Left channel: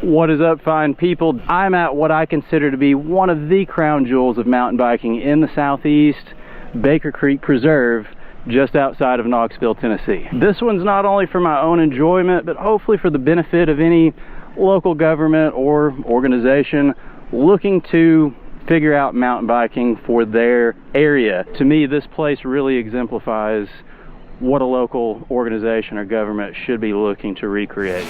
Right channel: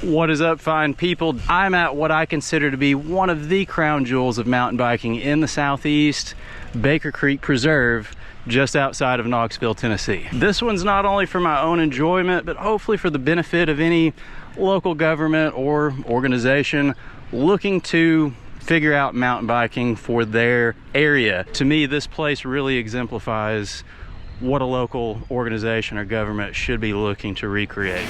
What is up, fine people? I'm at what I consider to be one of the crown jewels of mountain biking in the Southeast, Baker Creek Preserve, just outside of Knoxville, Tennessee. This one's not only for my own enjoyment, but hopefully for the benefit of any local government or organization looking to figure out mountain biking for their area. To me, this place really exemplifies what a local organization or government should be looking to recreate.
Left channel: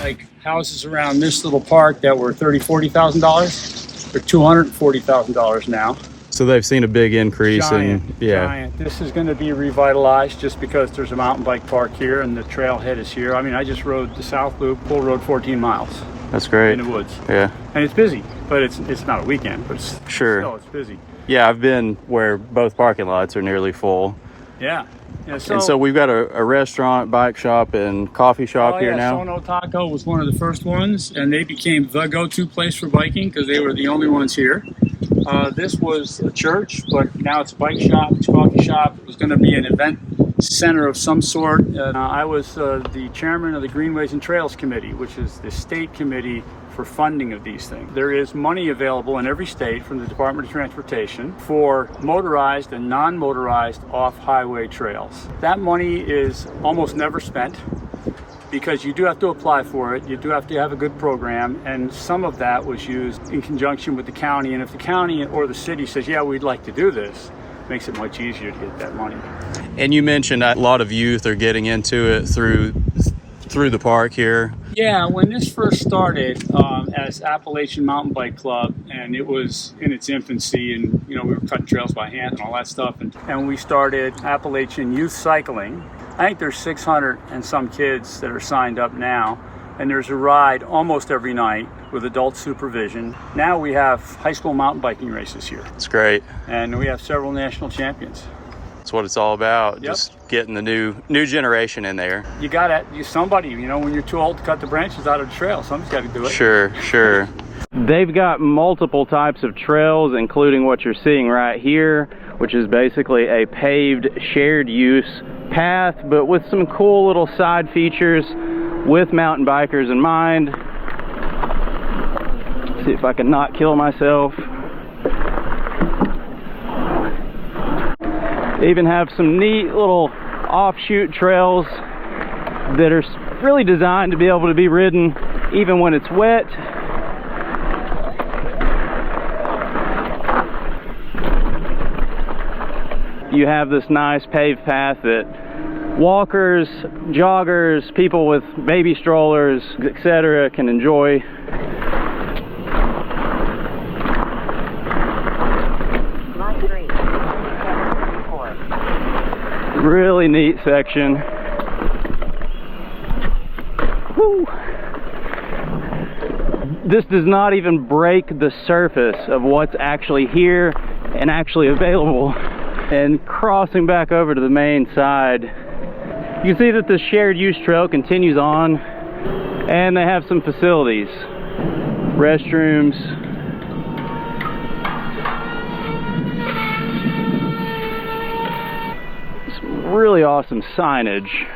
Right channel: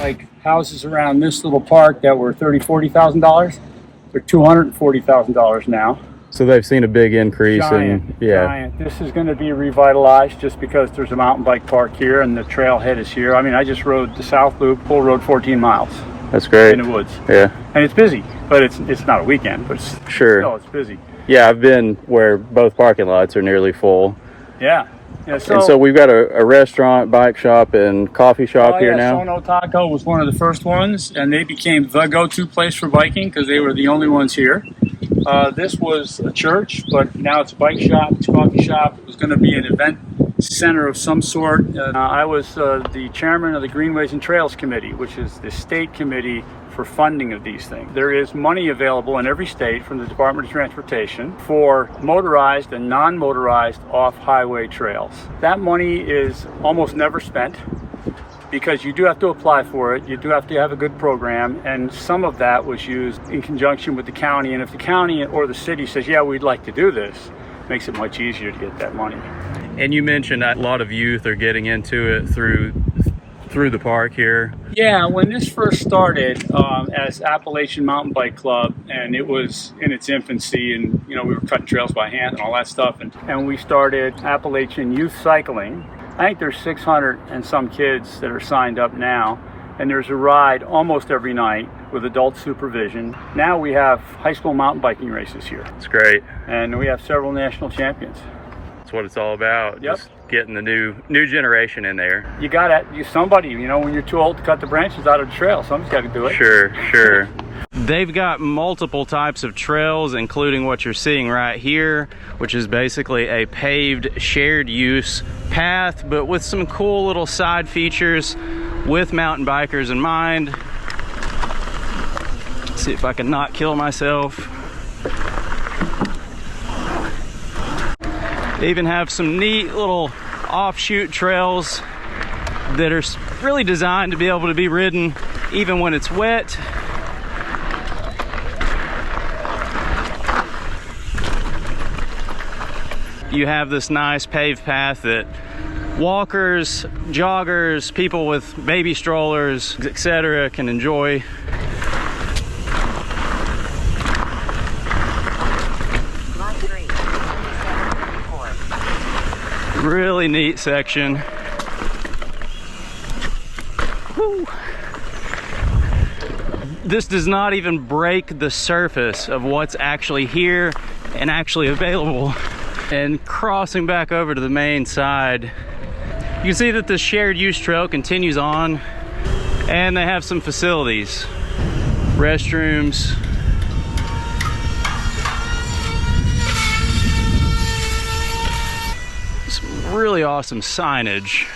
Like houses around this little park that were $30,000, $40,000, they're $240,000 now. So they've seen a big increase. Giant. This is going to be revitalized just because there's a mountain bike park here and the trailhead is here. I mean, I just rode the South Loop, full road 14 miles. That's great. In the woods. Yeah. And it's busy, but it's not a weekend, but still it's busy. Yeah, I've been where both parking lots are nearly full. Yeah. And so we've got a restaurant, bike shop, and coffee shop here now. Sono Taco was one of the first ones, and they became the go-to place for biking because they were the only ones here. This was a church, but now it's a bike shop, it's a coffee shop. It was going to be an event center of some sort. I was the chairman of the Greenways and Trails Committee, which is the state committee for funding of these things. There is money available in every state from the Department of Transportation for motorized and non-motorized off-highway trails. That money is almost never spent because you do have to apply for it. You do have to have a good program, and some of that was used in conjunction with the county. And if the county or the city says, yeah, we'd like to do this, it makes it much easier to get that money. And you mentioned a lot of youth are getting into it through the park here. Yeah, when this first started as Appalachian Mountain Bike Club, and it was in its infancy, and we were cutting trails by hand and all that stuff, and we started Appalachian Youth Cycling. I think there's 600 and some kids that are signed up now, and there's a ride almost every night with adult supervision. Now we have high school mountain biking races here. It's great. And we have several national champions. That's what it's all about. Yep. Just getting the new generation in there. You gotta, somebody, when you're too old to cut the branches out of the trail, somebody's got to do it. Sure. They've got multiple types of trails, including what you're seeing right here, which is basically a paved shared use path, but with some cool little side features with mountain bikers in mind. Let's see if I can not kill myself. They even have some neat little offshoot trails that are really designed to be able to be ridden even when it's wet. You have this nice paved path that walkers, joggers, people with baby strollers, etc. can enjoy. Really neat section. Woo. This does not even break the surface of what's actually here and actually available. And crossing back over to the main side, you can see that the shared use trail continues on, and they have some facilities, restrooms, really awesome signage.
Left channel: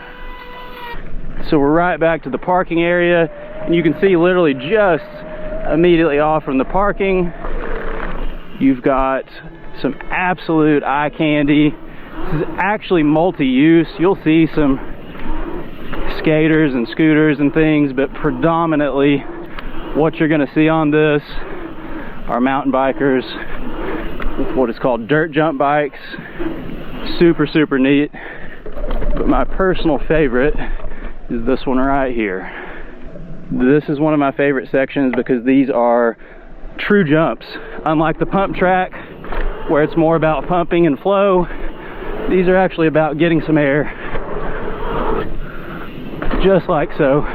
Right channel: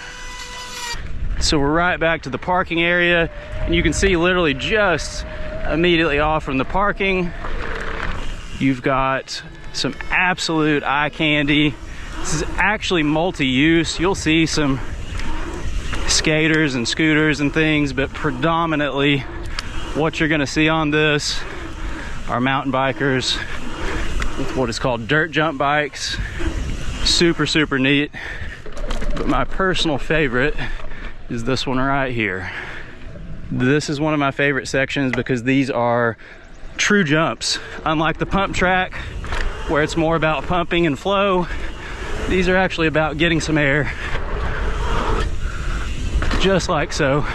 So we're right back to the parking area, and you can see literally just immediately off from the parking, you've got some absolute eye candy. This is actually multi-use. You'll see some skaters and scooters and things, but predominantly what you're going to see on this are mountain bikers with what is called dirt jump bikes. Super neat, but my personal favorite is this one right here. This is one of my favorite sections because these are true jumps. Unlike the pump track where it's more about pumping and flow, these are actually about getting some air, just like so.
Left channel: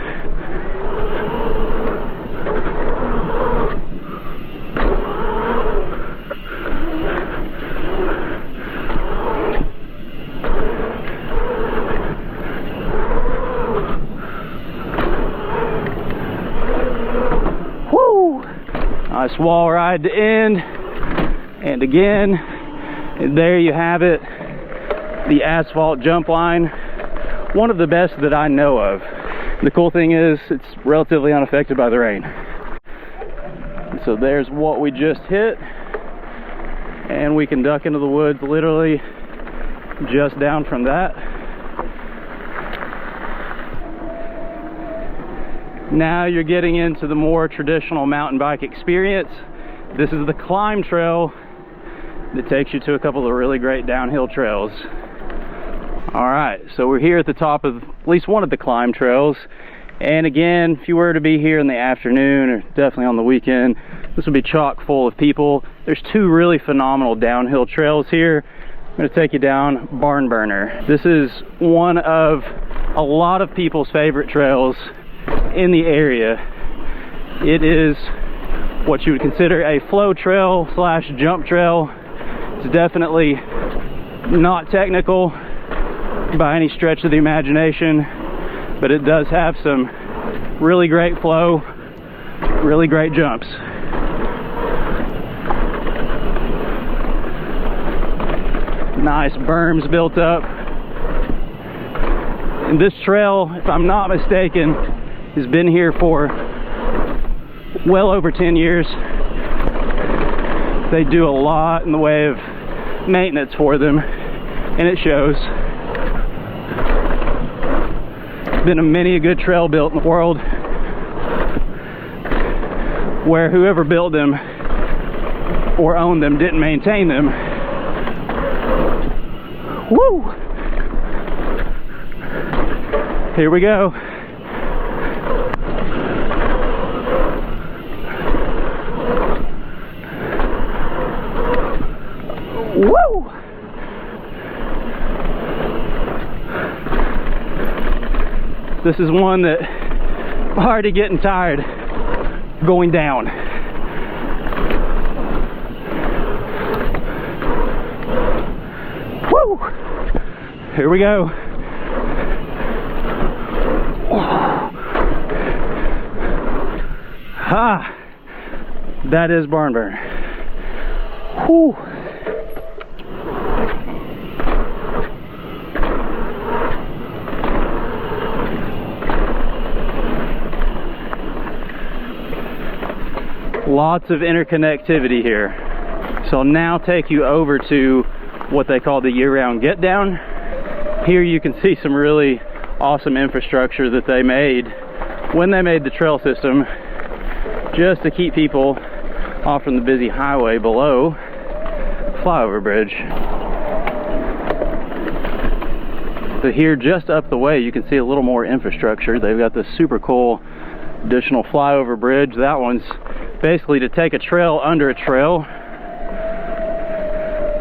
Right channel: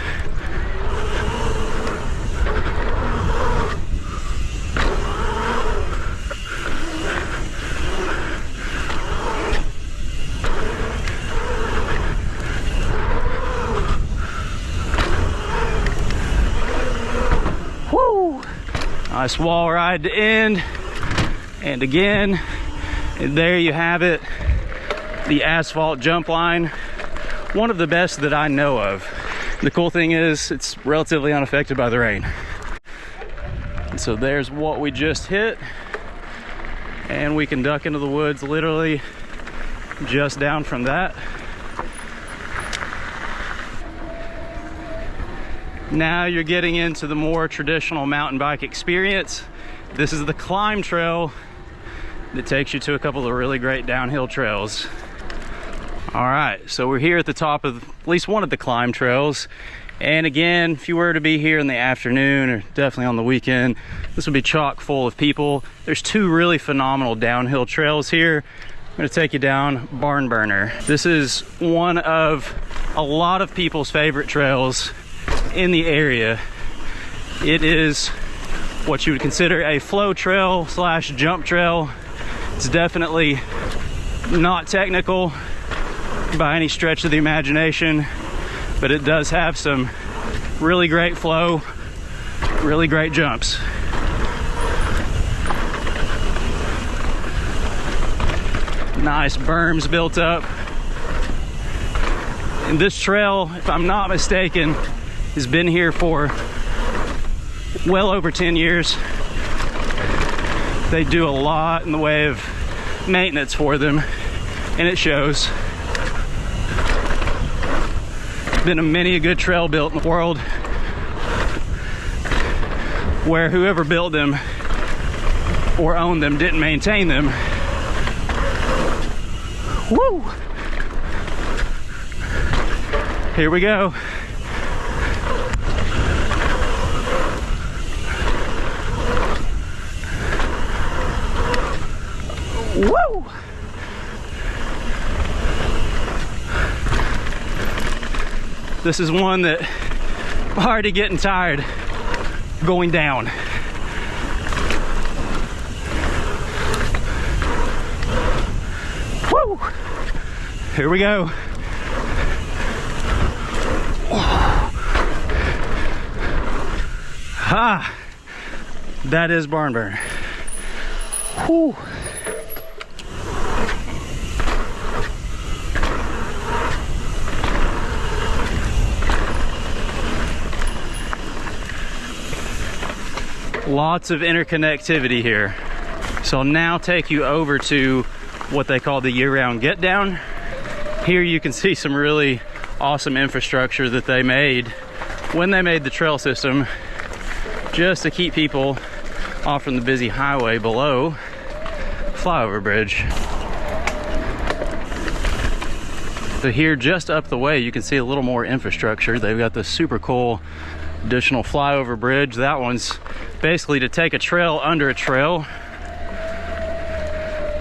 Nice wall ride to end. And again, there you have it, the Asphalt jump line. One of the best that I know of. The cool thing is it's relatively unaffected by the rain. So there's what we just hit, and we can duck into the woods literally just down from that. Now you're getting into the more traditional mountain bike experience. This is the climb trail that takes you to a couple of really great downhill trails. All right, so we're here at the top of at least one of the climb trails. And again, if you were to be here in the afternoon or definitely on the weekend, this would be chock full of people. There's two really phenomenal downhill trails here. I'm gonna take you down Barnburner. This is one of a lot of people's favorite trails in the area. It is what you would consider a flow trail slash jump trail. It's definitely not technical by any stretch of the imagination, but it does have some really great flow, really great jumps. Nice berms built up. And this trail, if I'm not mistaken, has been here for well over 10 years. They do a lot in the way of maintenance for them, and it shows. Been many a good trail built in the world where whoever built them or owned them didn't maintain them. Woo! Here we go. Woo! This is one that I'm already getting tired going down. Woo! Here we go. Ha! That is Barnburner. Whew. Lots of interconnectivity here. So I'll now take you over to what they call the year-round Getdown. Here you can see some really awesome infrastructure that they made when they made the trail system just to keep people off from the busy highway below flyover bridge. So here just up the way you can see a little more infrastructure. They've got this super cool additional flyover bridge. That one's basically to take a trail under a trail.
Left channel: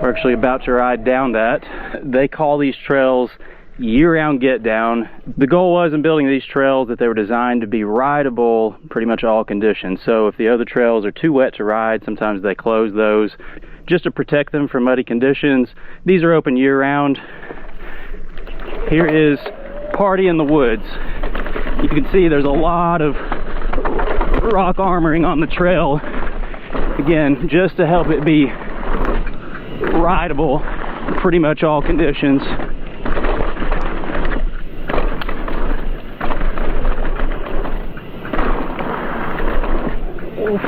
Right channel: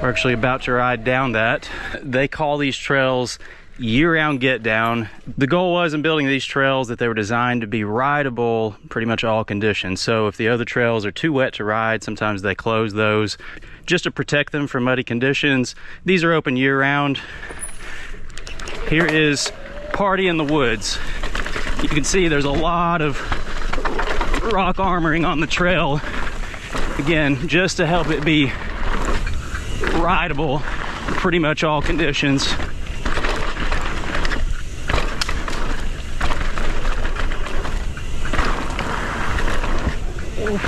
We're actually about to ride down that. They call these trails year-round Getdown. The goal was in building these trails that they were designed to be rideable pretty much all conditions. So if the other trails are too wet to ride, sometimes they close those just to protect them from muddy conditions. These are open year-round. Here is Party in the Woods. You can see there's a lot of rock armoring on the trail. Again, just to help it be rideable in pretty much all conditions.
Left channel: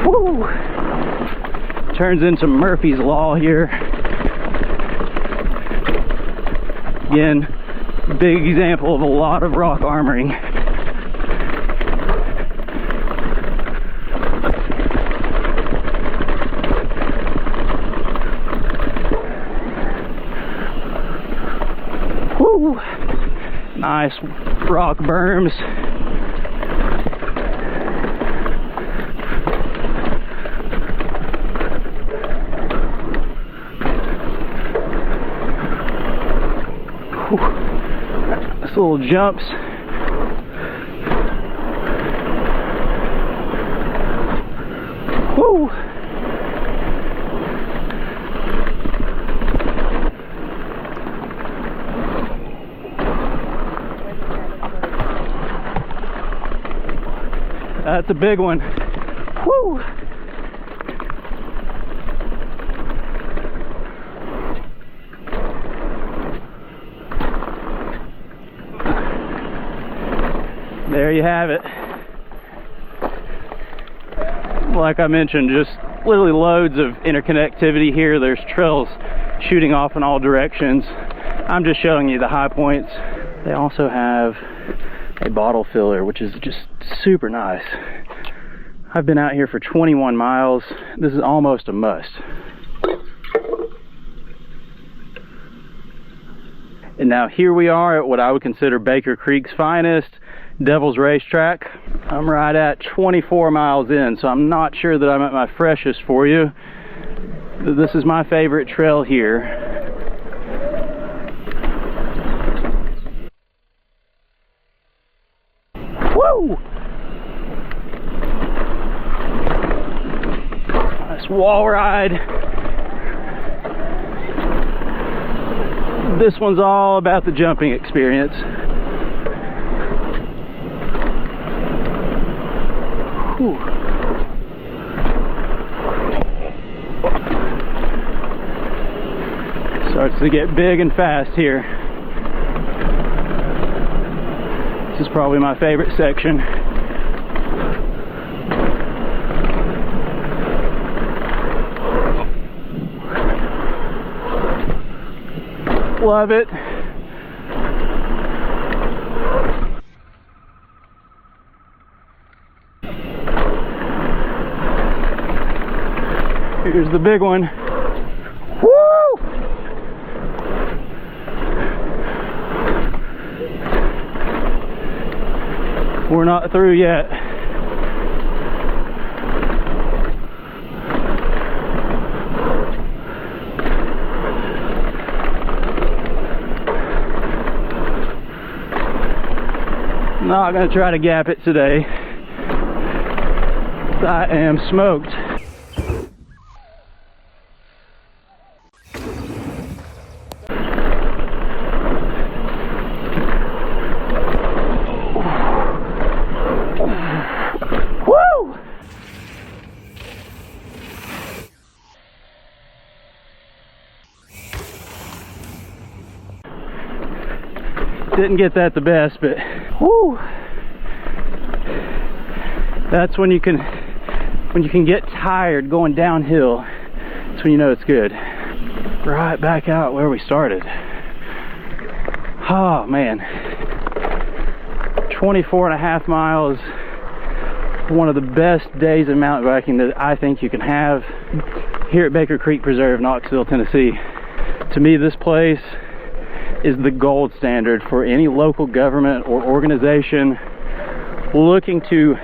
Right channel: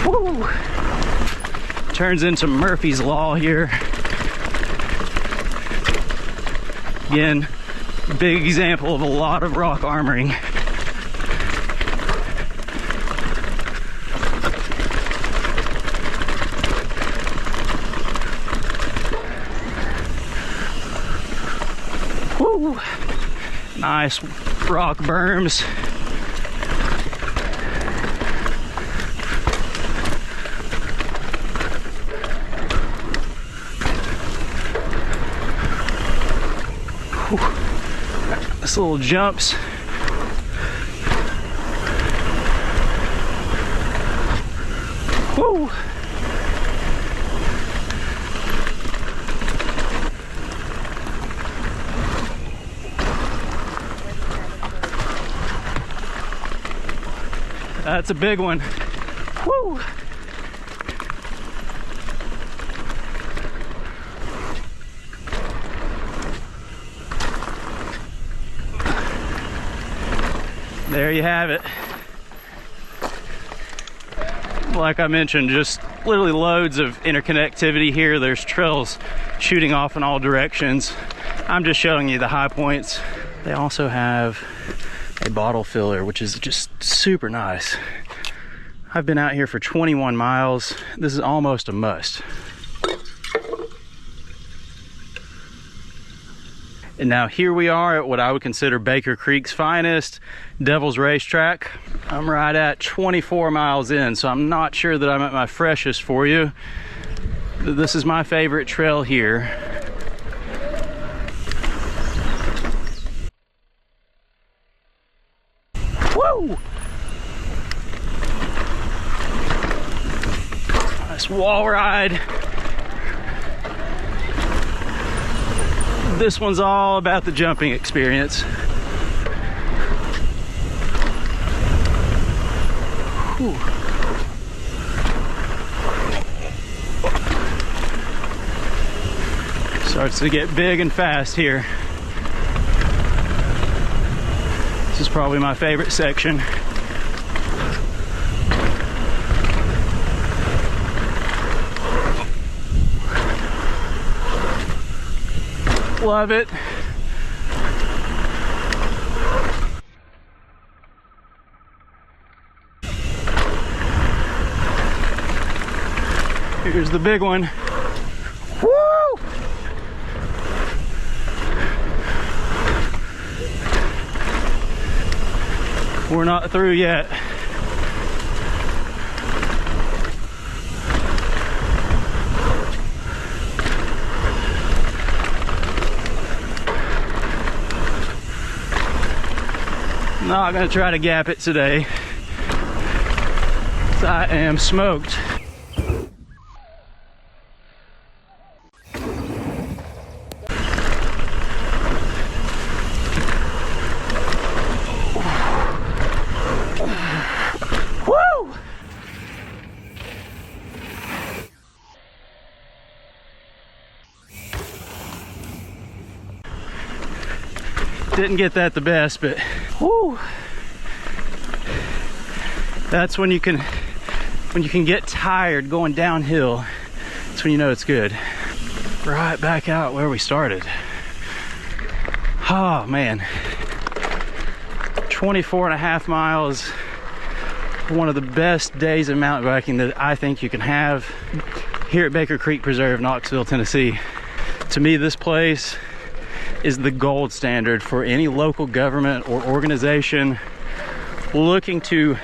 Woo. Turns into Murphy's Law here. Again, big example of a lot of rock armoring. Woo. Nice rock berms. Nice little jumps. Woo. That's a big one. Woo. there you have it. Like I mentioned, just literally loads of interconnectivity here. There's trails shooting off in all directions. I'm just showing you the high points. They also have a bottle filler, which is just super nice. I've been out here for 21 miles. This is almost a must. And now here we are at what I would consider Baker Creek's finest, Devil's Racetrack. I'm right at 24 miles in, so I'm not sure that I'm at my freshest for you. This is my favorite trail here. Woo! Nice wall ride. This one's all about the jumping experience. Whew. Starts to get big and fast here. This is probably my favorite section. Love it. Here's the big one. Woo! We're not through yet. Not gonna try to gap it today. I am smoked. Woo! Didn't get that the best, but whoo! That's when you can get tired going downhill. That's when you know it's good. Right back out where we started. Oh man, 24 and a half miles. One of the best days of mountain biking that I think you can have here at Baker Creek Preserve, Knoxville, Tennessee. To me, this place is the gold standard for any local government or organization looking to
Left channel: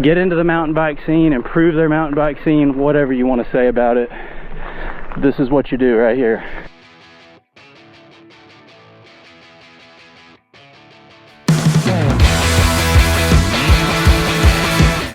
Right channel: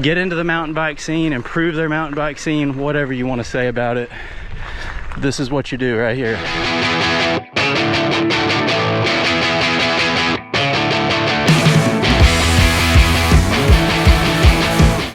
get into the mountain bike scene, improve their mountain bike scene, whatever you want to say about it. This is what you do right here.